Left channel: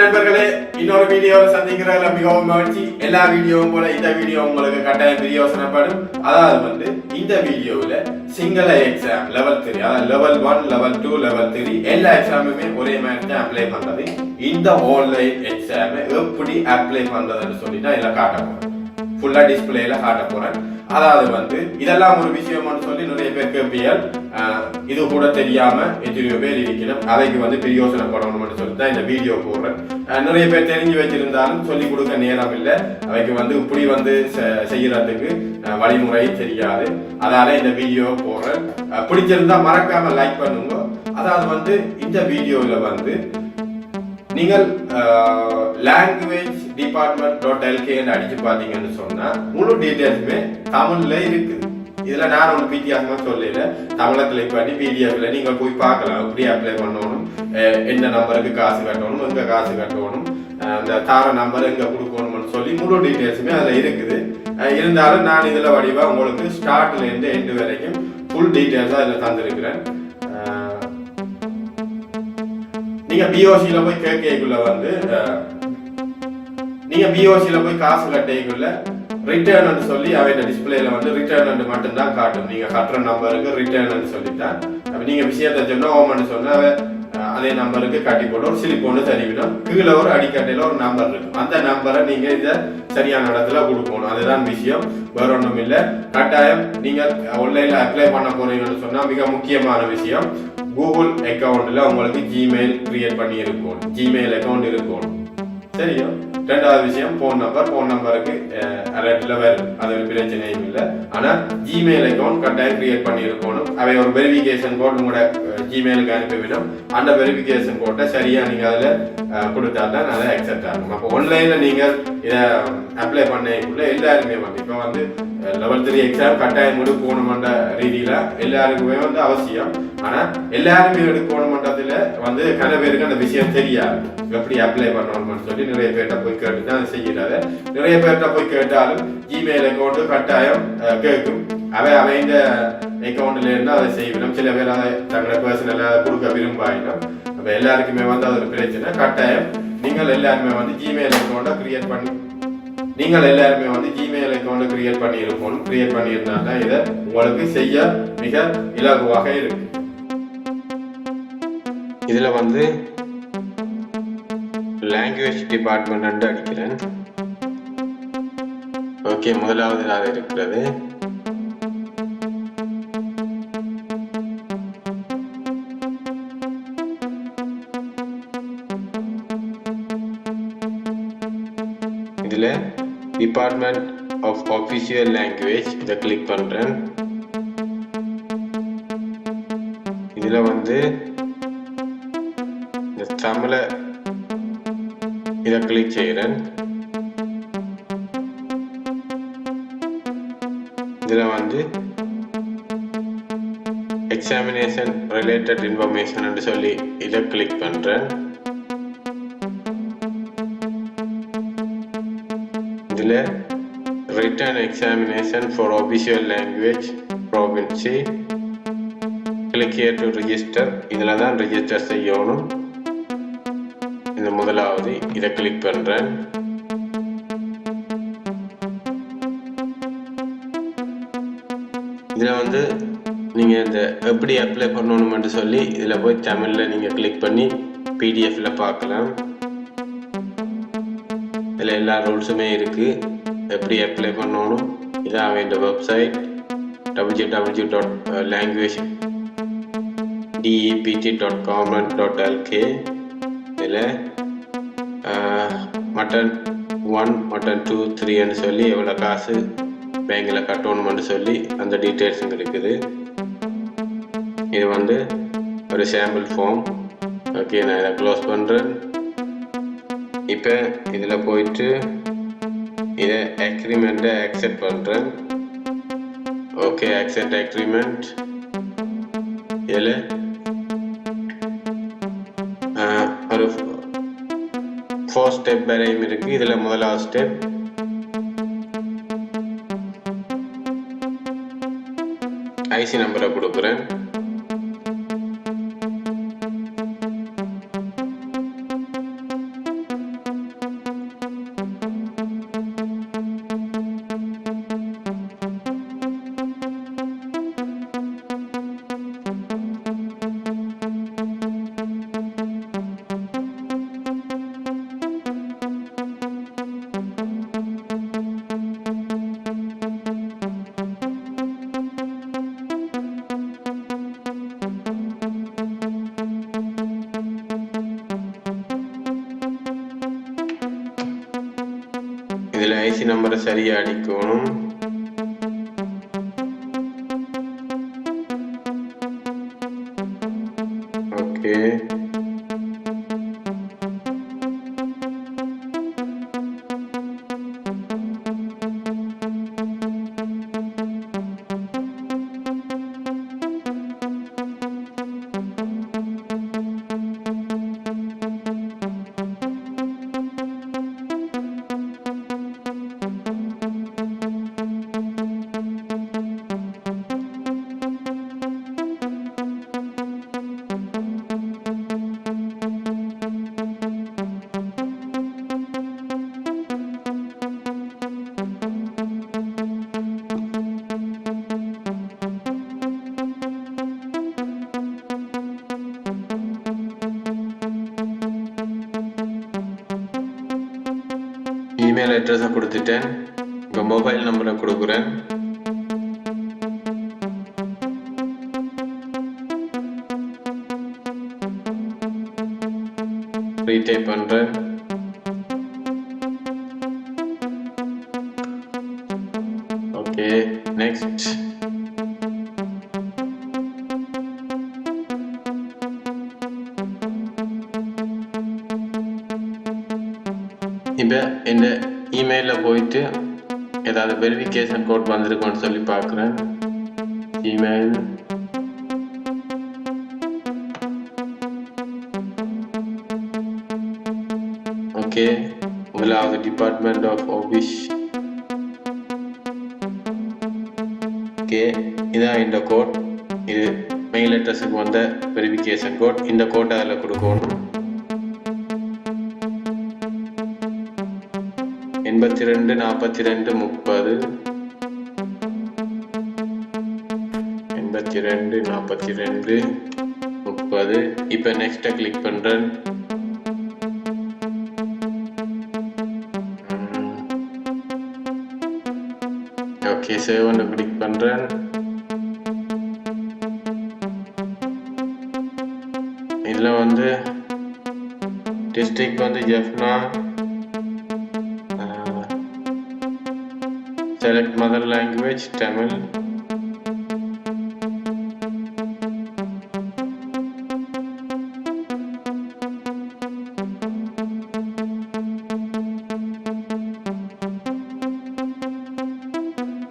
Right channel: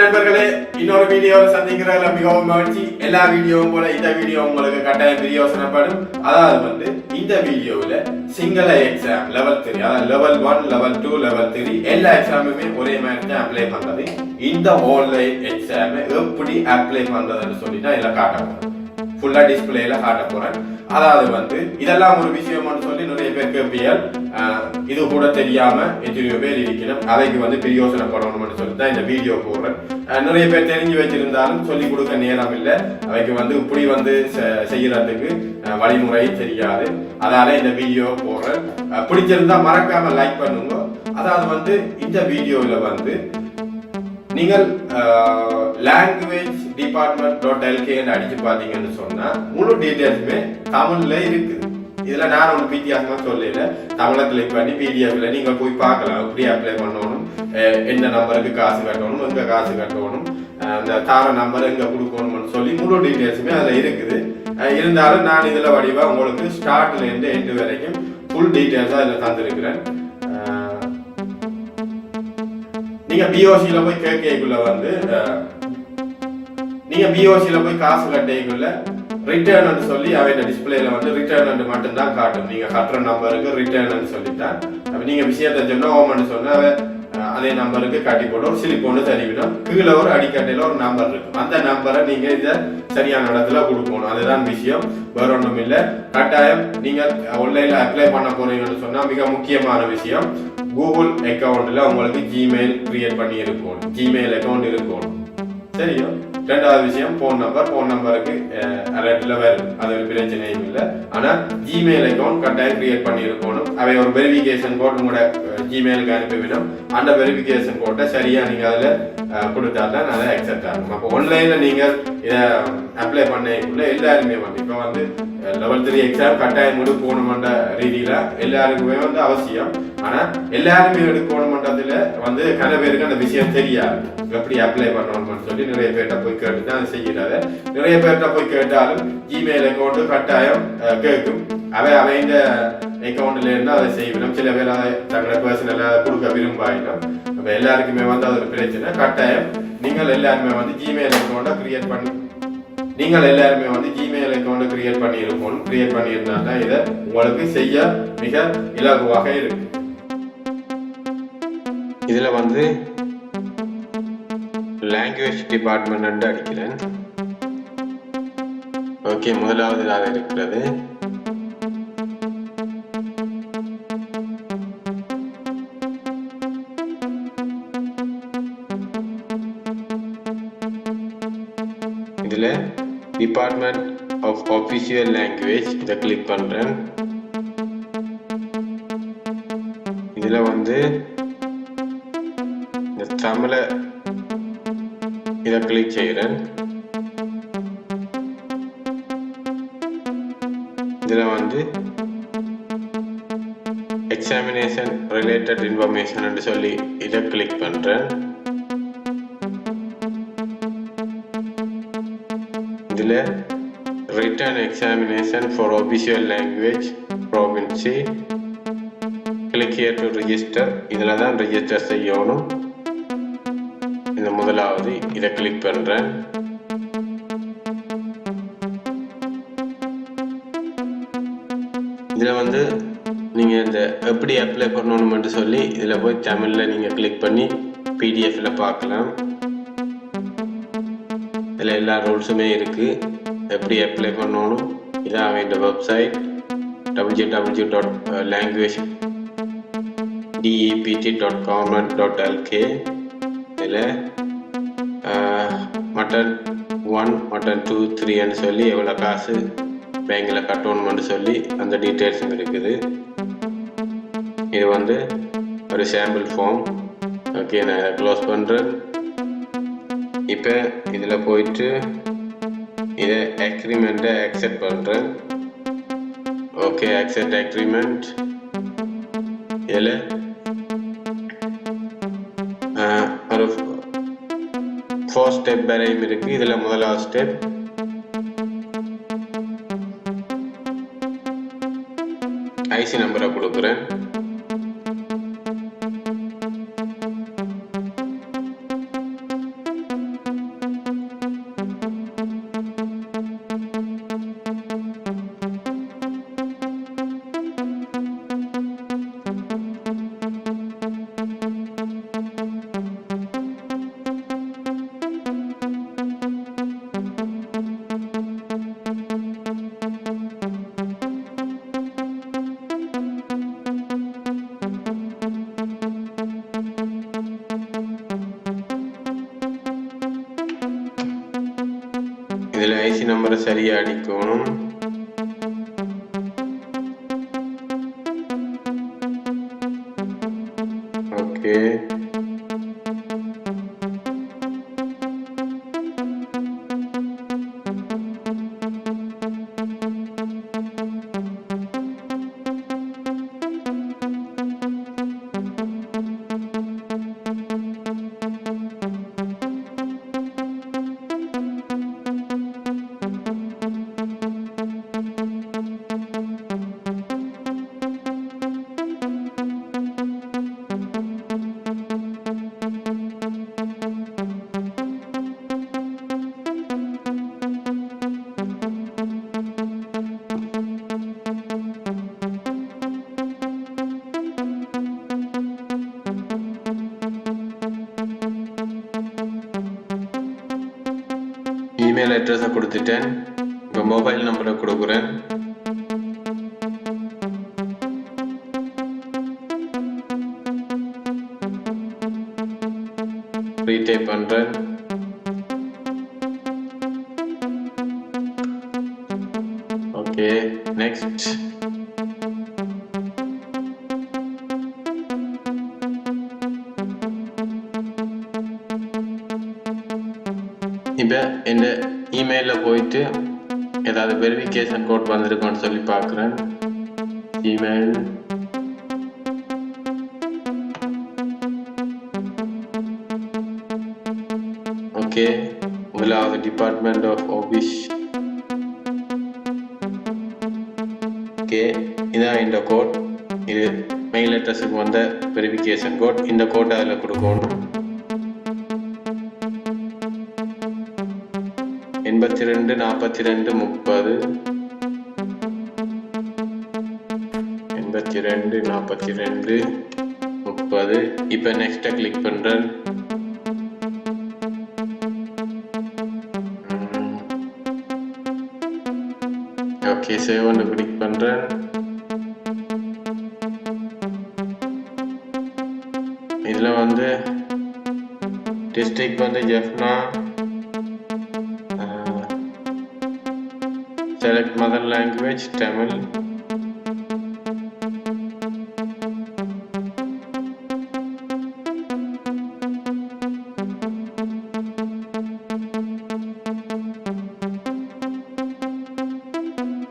வணக்கம் நண்பர்களே, இன்னொரு வீடியோவில் சந்திக்கிறதுல மிகவும் மகிழ்ச்சி. எல்லா வீடியோவும் போல இந்த வீடியோ உங்களுக்கு கட்டாயம் பிரயோசனப்படும். அதாவது இந்த வீடியோவில் சிங்கள எக்ஸாம் லெவல் 3, அதாவது லெவல் 1, லெவல் 2, லெவல் 3 எல்லா எக்ஸாமுமே ஒரே மாதிரி தான் அப்ளை பண்றது. இந்த ஆன்லைன் எக்ஸாமை எப்படி அப்ளை பண்றதுன்னு சொல்லிட்டு இதில் காட்ட போறேன். ஃபுல்லா டிஸ்பிளேல காட்ட போறேன். அதாவது இதெல்லாம் ஒரு விஷயம்னு சொல்லி நிறைய பேர் கேட்பியல், இது கூட தெரியாம எத்தனையோ பேர் இருக்கணும். அதைக்கு பிரயோசனப்படணும்னு சொல்லி தான் இந்த வீடியோ போடுறேன். நிறைய பேர் தெரிஞ்சு வச்சிருந்தாலும் சொல்லிக் கொடுக்க நேரம் இல்லை. அவைக்கு இப்படி செய்யறதுக்கு வழிமுறை தெரியாது. அதனால இந்த வீடியோ போடுறேன். பிடிச்சிருந்தா மறக்காம லைக் பண்ணுங்க. அதாவது இந்த வீடியோவில் நீங்கள் லாங்குவேஜ் டிபார்ட்மெண்ட்.lk அடிச்சு பார்த்தீங்கன்னு சொன்னா முழு டீட்டெயில்ஸுமே தமிழ்ல இருக்குது. இதுல நான் ஒன்று வித்தியாசமா சொல்லல. தமிழை கிளிக் பண்ணி பிடிஎஃப்ல நீங்க போய் பார்க்கலாம். எப்படி அப்ளை பண்ணணும், எந்த நம்பருக்கு காசு கட்டணும், எங்க காசு கட்டணும், அந்த தார நம்பர் எங்க கொடுக்கணும்னு சொல்லி முழு டீட்டெயில்ஸுமே அதுல இருக்குது. இருந்தாலும் நான் இதுல வடிவா உங்களுக்கு ஸ்டார்ட்ல இருந்து எண்டு வரைக்கும் ஃபுல் டீட்டெயில்ஸா இதுல தந்திருக்கிறேன். நீங்க பிஓசியில போய் கேட்கக்குள்ள நீங்க பிஓசியில போய் காசு கட்டைக்குள்ள ரிட்டர்ன் சொல்லி அவையோட டிஸ்பிளேல ரிட்டர்ன் மட்டும் தான் காட்டும். நீங்க கட்டுற நம்பருக்கு ரிட்டர்ன் சொல்லிட்டா நீங்க விஷயத்த சொன்னா ஓமன்னு சொன்னா அதே நம்பருக்கு கட்டி போட்டு ஒரு சிலிப் ஒன்று தருவிடும். கீழே ஒரு அடிக்கட்டையில ஒரு நம்பர் இருக்கும். அந்த நம்பரை நீங்க இதை சரியான இடத்துல கொடுக்கணும். அதுதான் விஷயம், வேற ஒன்றும் இல்லை. கட்டாயம் நீங்க ஆன்லைன்ல அப்ளை பண்ண போறீங்கன்னு சொன்னா மிக முக்கியமான விஷயம், கூகுள் அக்கௌண்ட்ல உங்களுக்கு ஜிமெயில் கிரியேட் பண்ணி இருக்கணும். ஜிமெயில் அக்கௌண்ட் இருக்கணும். சரியா? ரெண்டாவது விஷயம், போன் நம்பருக்கு அலர்ட்ல வரும். அது ஒரு பிரச்சனையும் இல்லை. ஆனா ஜிமெயில் அக்கௌண்ட் கட்டாயம் கிரியேட் பண்ணி இருக்கணும். அவை ஒரு வெரிஃபிகேஷன் கோட் உங்களோட ஜிமெயிலுக்கு அனுப்பிவிடும். அந்த வெரிஃபிகேஷன் கோட்டை சரியா நீங்க அதுல கொடுத்தா தான் அதை அக்செப்ட் ஆகும். அப்போ ஆன்லைன்ல நீங்க இதை அப்ளை பண்ணக்குள்ள எல்லாருமே இப்போ லெவல் 3 எக்ஸாம் கட்டாயம் எடுக்கணும்ன்ற ரீதியில எல்லாருக்குமே அவசியம். ஆனா எல்லாருமே எடுக்கணும்ன்றதுல கன பேருக்கு அந்த விஷயம் தெரியாது. எப்படி அப்ளை பண்ணணும்னு சொல்லி நிறைய பேர்கிட்ட போய் கேட்டு தான் செய்யறாரு. நிறைய பேர்கிட்ட போய் கேட்டாலும் ஜிமெயில் அக்கௌண்ட் கட்டாயம் கேட்கும். அவைந்த அக்கௌண்ட்ல இருந்து அதை செய்யணும். சில பேர் அதை தங்களை பர்சனலா கொடுக்க விரும்பாயிடும். அப்ப எல்லாருக்குமே அது ஒரு பிரச்சனை. கட்டாயம் நீங்கள் எல்லாருமே ஜிமெயில் அக்கௌண்ட்டை கிரியேட் பண்ணி ஜிமெயில் அக்கௌண்ட் கிரியேட் பண்ணி இருக்கணும். கிரியேட் பண்ணி இருந்தா தான் இதை உங்களுக்கு செய்ய மிக இலகுவாக இருக்கு. இதுல லாங்குவேஜ் டிபார்ட்மெண்ட் அடிக்கிறேன். ஓகே, முதலாவது இருக்கிறது. இதுல டிபார்ட்மெண்ட் ஆஃப் ஆஃபிஷியல் லாங்குவேஜ் இதை கிளிக் பண்றேன். இதுல இந்த தமிழை இதை கிளிக் செய்கிறேன். இதுல எக்ஸாமினேஷன் ரிலேட்டட் இன்ஃபர்மேஷன் சொல்லி இதை கிளிக் பண்றேன். இதுல written examination for official language proficiency, click here to register. இதுல தான் ரிஜிஸ்டர் செய்யணும். இந்த முதலாவது இதை கிளிக் பண்றேன். இதுல நீங்க இந்த எப்படி அப்ளை பண்ணணும்னு சொல்லி இதுல போய் தமிழ்ல நீங்க கிளிக் பண்ணி பிடிஎஃப்ல பார்க்கலாம். இதுல எல்லா ரூல்ஸுமே இருக்கு. எப்படி அப்ளை பண்ணணும், இதான் அவன் வெப்சைட் www.languagedept.com.lk. இதில் மட்டன் 1, மட்டன் 2, 3ன்னு சொல்லி எவ்வளோ காசு பேங்கில் கட்டணும்னு சொல்லி அந்த டீட்டெயில்ஸும் இருக்குது. இது ஒரு சாம்பிள் ஃபார்ம். ஓகே, நான் இதை க்ளோஸ் பண்ணுறேன். இப்போ இதில் போயிட்டு இதை அக்ரிமெண்ட்டை அக்செப்ட் பண்ணுறேன். Okay, accept agreement. இதில் ஒரு 4 ஸ்டெப் வரையும் இருக்குது. இதில் முதலாவது ஸ்டெப் ஐசி நம்பரை கொடுக்குறேன். இதில் ஐசி நம்பரை சரியாக அடிக்கணும். ஓகே, இமெயில் அட்ரஸை கொடுத்துட்டேன். இப்போ மொபைல் நம்பரை கொடுக்குறேன். ரீடைப் பண்ணுறேன். Okay, next. இப்போ இந்த இமெயிலில் போயிட்டு ஏதாவது வெரிஃபிகேஷன் கோட் வந்திருக்கோன்னு சொல்லி பார்க்குறேன். இமெயில் ஓகே, முதலாவது டிபார்ட்மெண்ட் ஆஃப் ஆஃபீஸ். ஓகே, இதான் இந்த கோட். இது மெயில் அட்ரஸுக்கு வந்த வெரிஃபிகேஷன் கோட். இந்த கோட்டை அதில் கொடுக்கணும். 82 42 30 82 42 30. இப்போ நெக்ஸ்ட்டை கிளிக் பண்ணுறேன். ஓகே, சேவ் ஒன்று கிளிக் பண்ணுறேன். இதில் வந்து டிஸ்ட்ரிக்ட் வந்து Jaffna. Select mother language Tamil.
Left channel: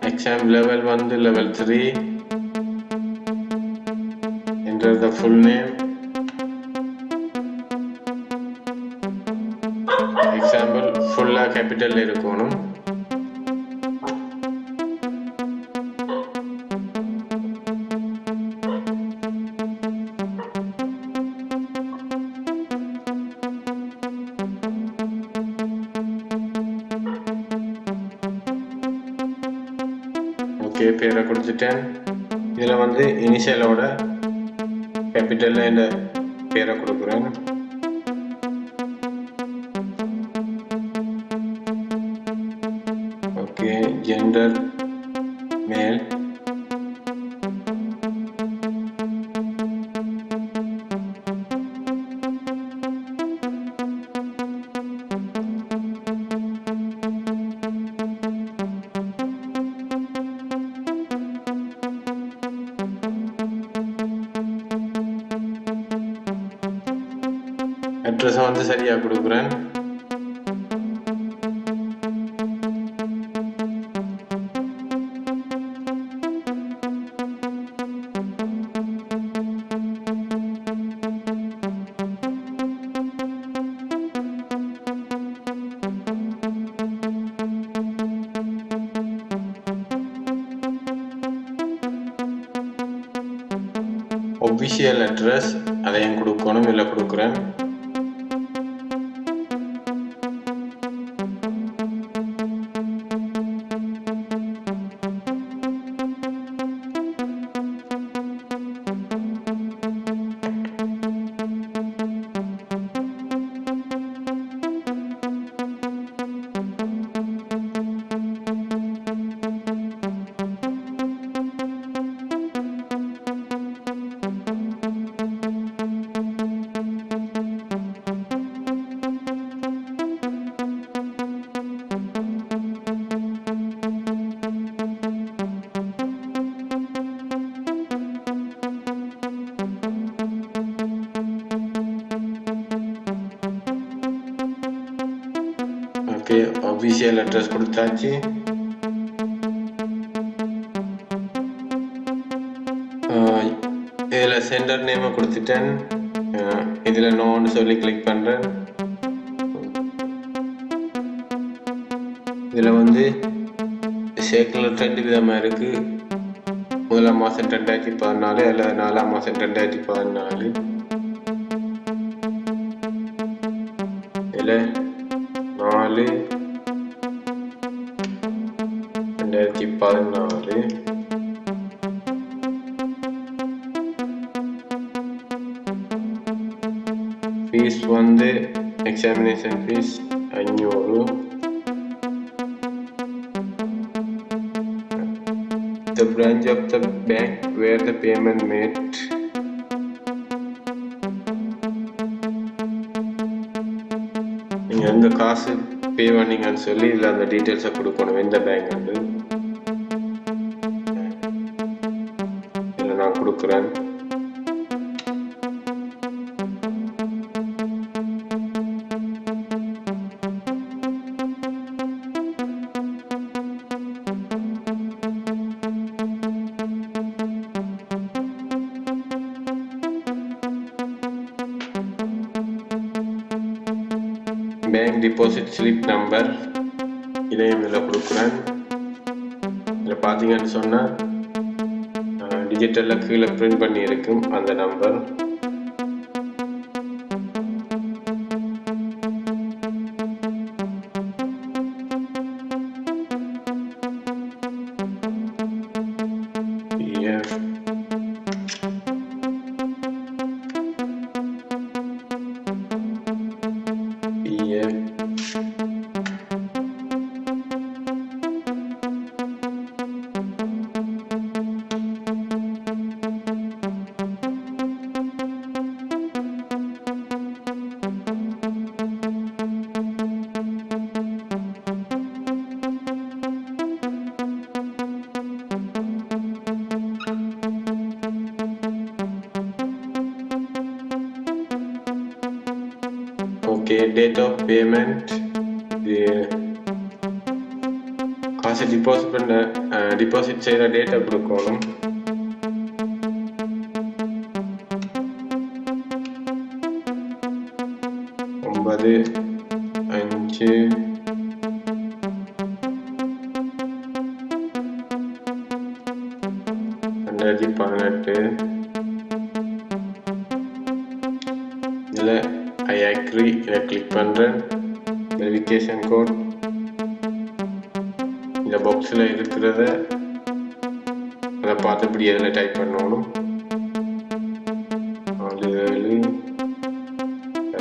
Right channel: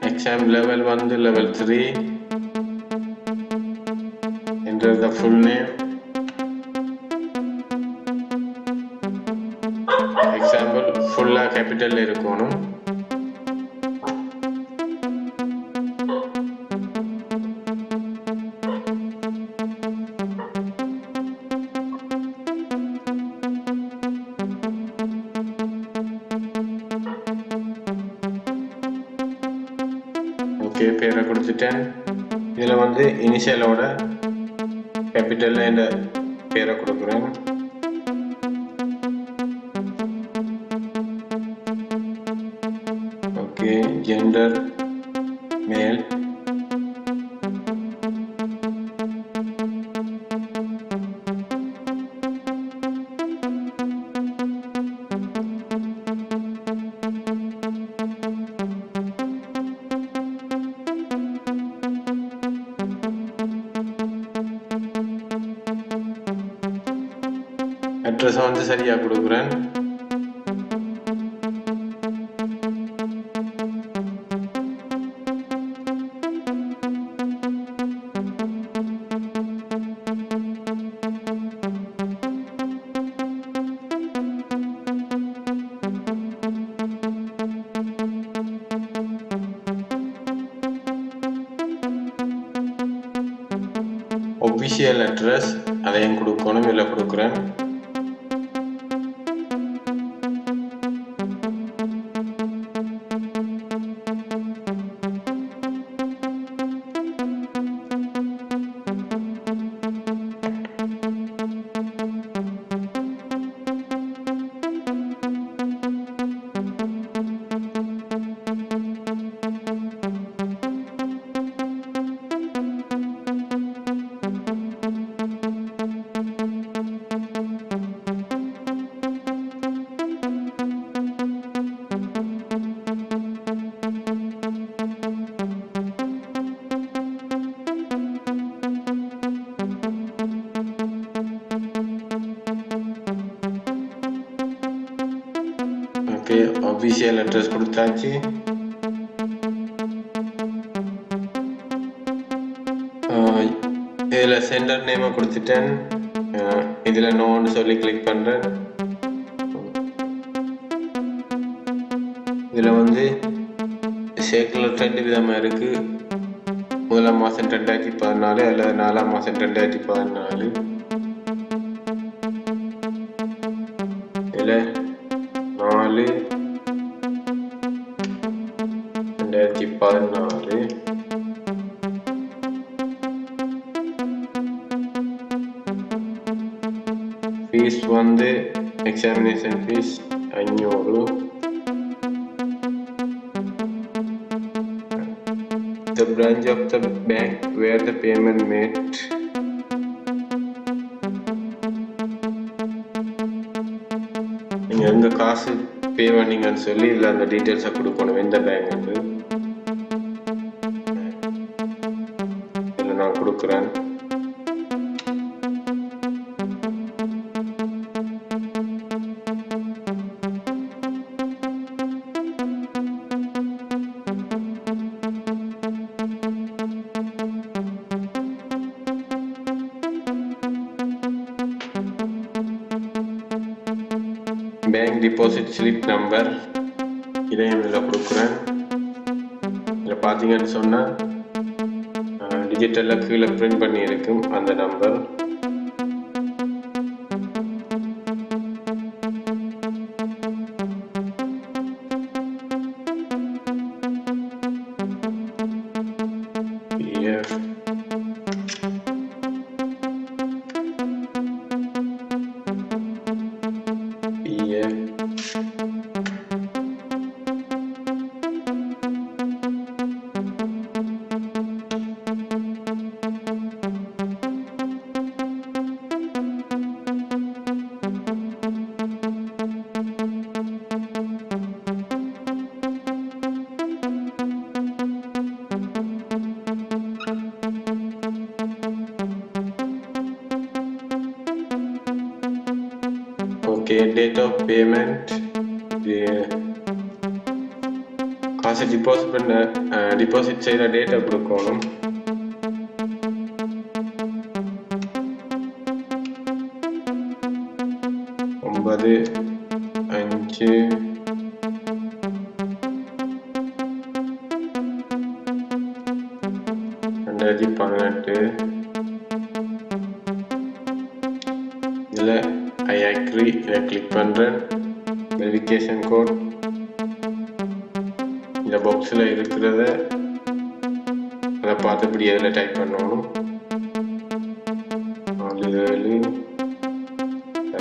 Exam level 1 level 3. Enter the full name. Example full capital இருக்கணும். ஓகே, பேரை கொடுத்துட்டேன். இதில் வந்து இனிஷியலோட கேபிட்டலில் இந்த பேரை கொடுக்குறேன். ஓகே, ஜெண்டர் மேல். அட்ரஸை வந்து சரியாக கொடுக்குறேன். ஒபிஷியல் அட்ரஸ் அதையும் கொடுக்கணும். இதில் கொடுக்குறேன். ஓகே, அஃபிஷியல் அட்ரஸ் கொடுத்தாச்சு. இதில் சென்டர் நேமை கொடுத்துட்டேன். இதில் நோன்னு சொல்லி கிளிக் பண்ணுறேன். இதில் வந்து ஷேக்கில் 2 விதமாக இருக்குது. முதலாம் மாதம் 2014 அல்லது 4ஆம் மாதம் 2014. இதில் 4/2014. ஃபீஸ் வந்து examination fees 500. The branch of the bank where the payment made. நீங்க எங்க காசு பே பண்ணீங்கன்னு சொல்லி இதுல அந்த டீடைல்ஸை கொடுக்கணும். எந்த பேங்க் வந்து இதுல நான் கொடுக்குறேன். பேங்க் டிபாசிட் ஸ்லிப் நம்பர் இதையும் இதில் கொடுக்குறேன். இதில் பார்த்தீங்கன்னு சொன்னால் டிஜிட்டலில் கீழே பிரிண்ட் பண்ணி இருக்கும் அந்த number. Okay, date of payment. காசு டிபாசிட் செய்த டேட்டா கொடுக்கணும். ஒன்பது 5 2018. இதில் ஐ அக்ரி இதை கிளிக் பண்ணுறேன். வெரிஃபிகேஷன் கோட் இந்த பாக்ஸில் இருக்கிறத அதை பார்த்தபடி அதில் டைப் பண்ணணும். 47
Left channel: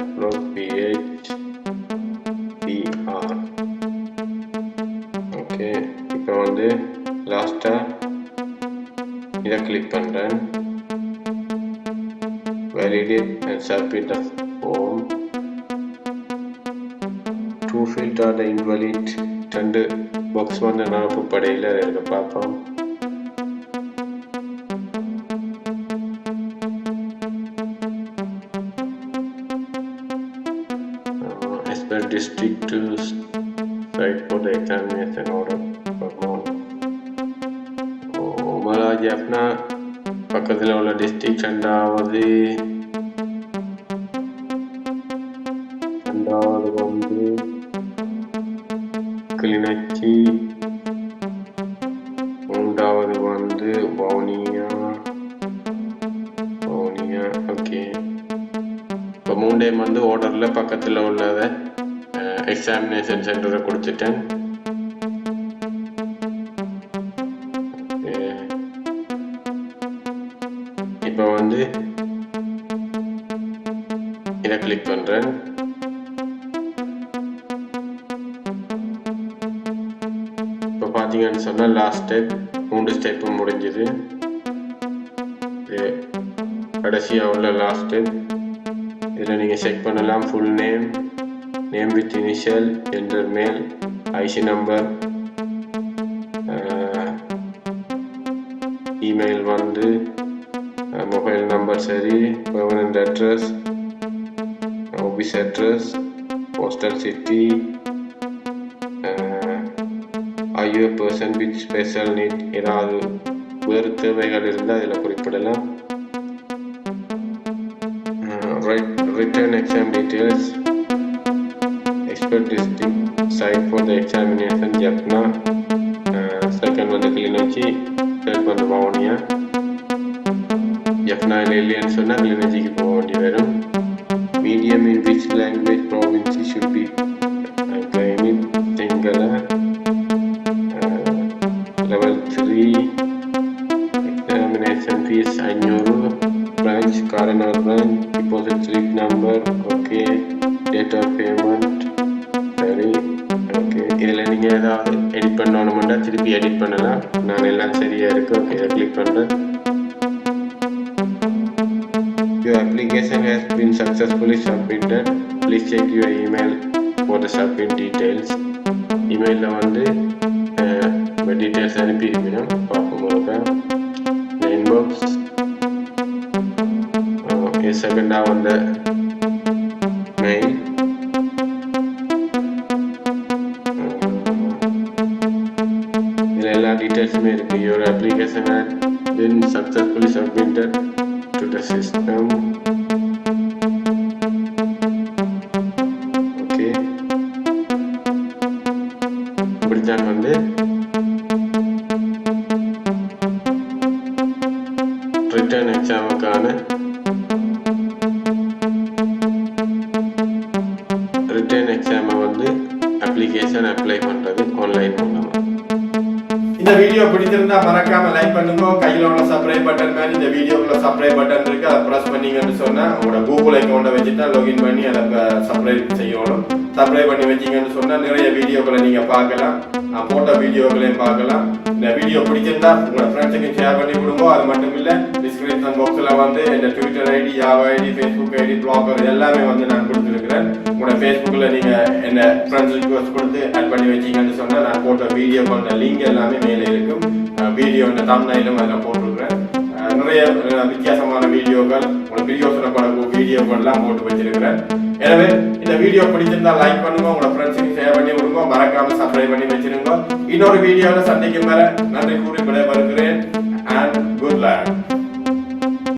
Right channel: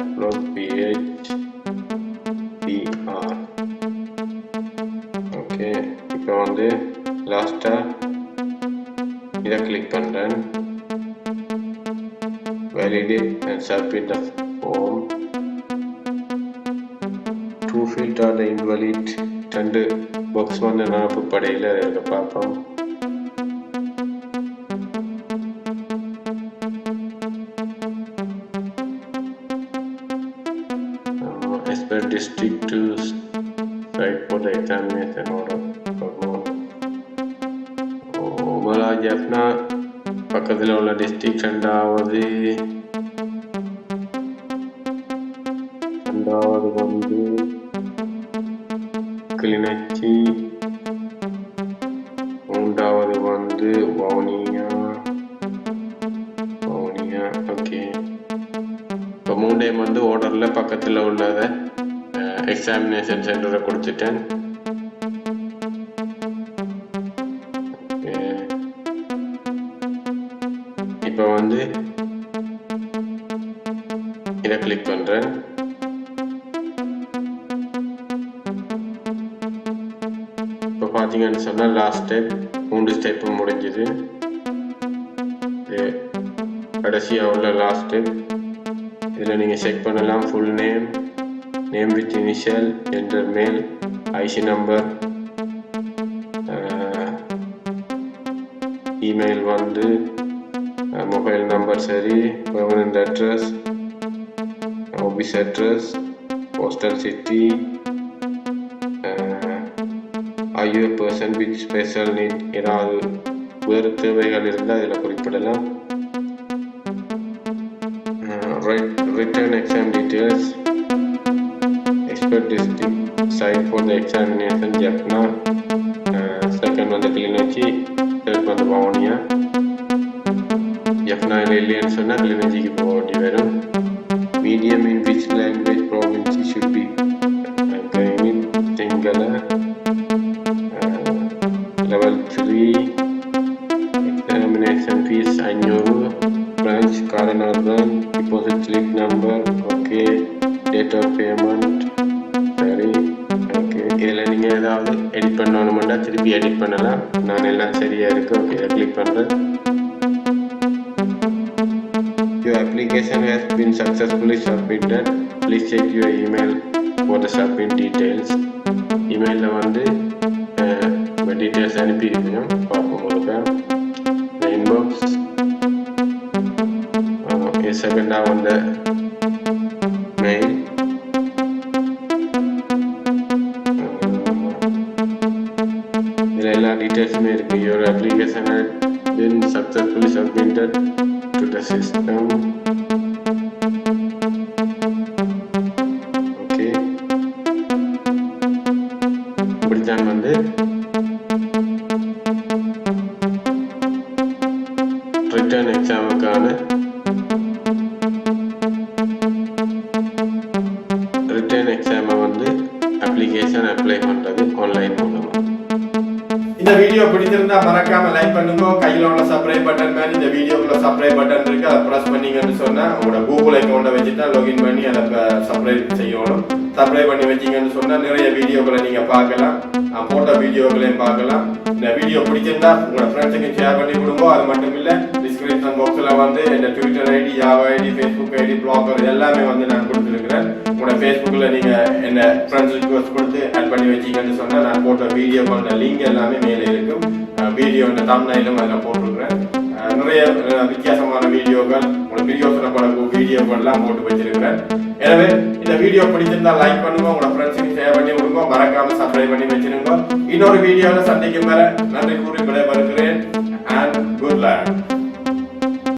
upload PHPR. ஓகே, இப்போ வந்து லாஸ்ட்டாக இதை கிளிக் பண்ணுறேன். validate and submit the form. To filter the invalid 2 box வந்து நிரப்பு படையில் இருக்க பார்ப்போம். as per district to site for the examination order. உமரா Jaffna பக்கத்தில் உள்ள டிஸ்ட்ரிக்ட். ரெண்டாவது வந்து கிளிநொச்சி. மூன்றாவது வந்து வவுனியா. ஓகே, இப்போ 3 டைம் வந்து ஆர்டரில் பக்கத்தில் உள்ளதை எக்ஸாமினேஷன் சென்டரை கொடுத்துட்டேன். இப்போ வந்து இதை கிளிக் பண்ணுறேன். இப்போ பார்த்தீங்கன்னு சொன்னால் லாஸ்ட் ஸ்டெப் 3 ஸ்டெப்பு முடிஞ்சுது. கடைசியாக உள்ள லாஸ்ட் ஸ்டெப் இதில் நீங்கள் செக் பண்ணலாம். Full name, name with initial, enter மேல், ஐசி நம்பர், இமெயில் வந்து மொபைல் நம்பர் சரி, permanent address, office address, postal city, are you a person with special need? ஏதாவது வேறு தேவைகள் இருந்தால் இதில் குறிப்பிடலாம். Written exam details. Expert district site for the examination Jaffna. Second வந்து கிளிநொச்சி, third வந்து வவுனியா. Jaffna இல்லைன்னு சொன்னால் கிளிநொச்சிக்கு போக வேண்டி வரும். Medium in which language province should be claiming Sinhala. Level 3 examination fees 500. Branch Karana branch deposit slip number. Okay, date of payment. சரி, okay. இதில் நீங்கள் ஏதாவது எடிட் பண்ணணுமெண்டா திருப்பி எடிட் பண்ணலாம். நான் எல்லாம் சரியாக இருக்குது. ஓகே, இதை கிளிக் பண்ணுறேன். Your application has been successfully submitted. Please check your email for the submit details. இமெயிலில் வந்து டீட்டெயில்ஸ் அனுப்பியிருக்கணும். பார்ப்போம் ஒருக்கா. இந்த இன்பாக்ஸ் செகண்டாக வந்த மெயில். இதில் எல்லா டீட்டெயில்ஸுமே இருக்குது. Your application has been successfully submitted to the system. Okay, இப்படித்தான் வந்து ரிட்டர்ன் எக்ஸாமுக்கான ரிட்டர்ன் எக்ஸாமை வந்து அப்ளிகேஷன் அப்ளை பண்ணுறது ஆன்லைன் மூலமாக. இந்த வீடியோ பிடிச்சிருந்தா மறக்காம லைக் பண்ணுங்க. கையில் உள்ள சப்ஸ்கிரைப் பட்டன் மாதிரி இந்த வீடியோக்குள்ள சப்ஸ்கிரைப் பட்டன் இருக்கு, அதை ப்ரெஸ் பண்ணீங்கன்னு சொன்னா உங்களோட கூகுள் அக்கௌண்ட்டை வச்சுட்டா லாகின் பண்ணி அதை சப்ஸ்கிரைப் செய்யணும். சப்ஸ்கிரைப் பண்ணி வச்சீங்கன்னு சொன்னா நிறைய வீடியோக்களை நீங்க பார்க்கலாம், போட்ட வீடியோக்களையும் பார்க்கலாம். இந்த வீடியோ பிடிச்சிருந்தா உங்களோட ஃப்ரெண்ட்ஸுக்கு ஷேர் பண்ணி கொடுங்க. அது மட்டும் இல்லை, டிஸ்கிரிப்ஷன் பாக்ஸில் வந்து இந்த ட்விட்டர் ஐடி, யாவா ஐடி, ஃபேஸ்புக் ஐடி, பிளாகர் எல்லாமே வந்து நான் கொடுத்துருக்கிறேன். உங்களோட ஃபேஸ்புக்கில் நீங்கள் என்ன ஃப்ரெண்ட்ஸ் ரிக்வஸ்ட் கொடுத்து ஆட் பண்ணி வச்சிங்கன்னு சொன்னால் நான் போட்ட வீடியோக்களோட லிங்க் எல்லாமே மேலே இருக்கும். வீடியோ இந்த தம்ப்நெயிலும் அதில் போட்டிருக்கிறேன். நிறைய வித்தியாசமான வீடியோக்கள், உங்களுக்கு பிரியோசனப்படக்கூடிய வீடியோக்கள்லாம் போட்டு வச்சிருக்கிறேன். எனவே இந்த வீடியோ பிடிச்சிருந்தா லைக் பண்ணுங்க, உங்களோட ஃப்ரெண்ட்ஸுக்கு ஷேர் பண்ணி விடுங்க, மறக்காம சப்ஸ்கிரைப் பண்ணி வச்சிருங்க. இன்னொரு வீடியோவில் சந்திக்கும் வரை நன்றி கூறி விடைபெறுகிறேன். And good luck.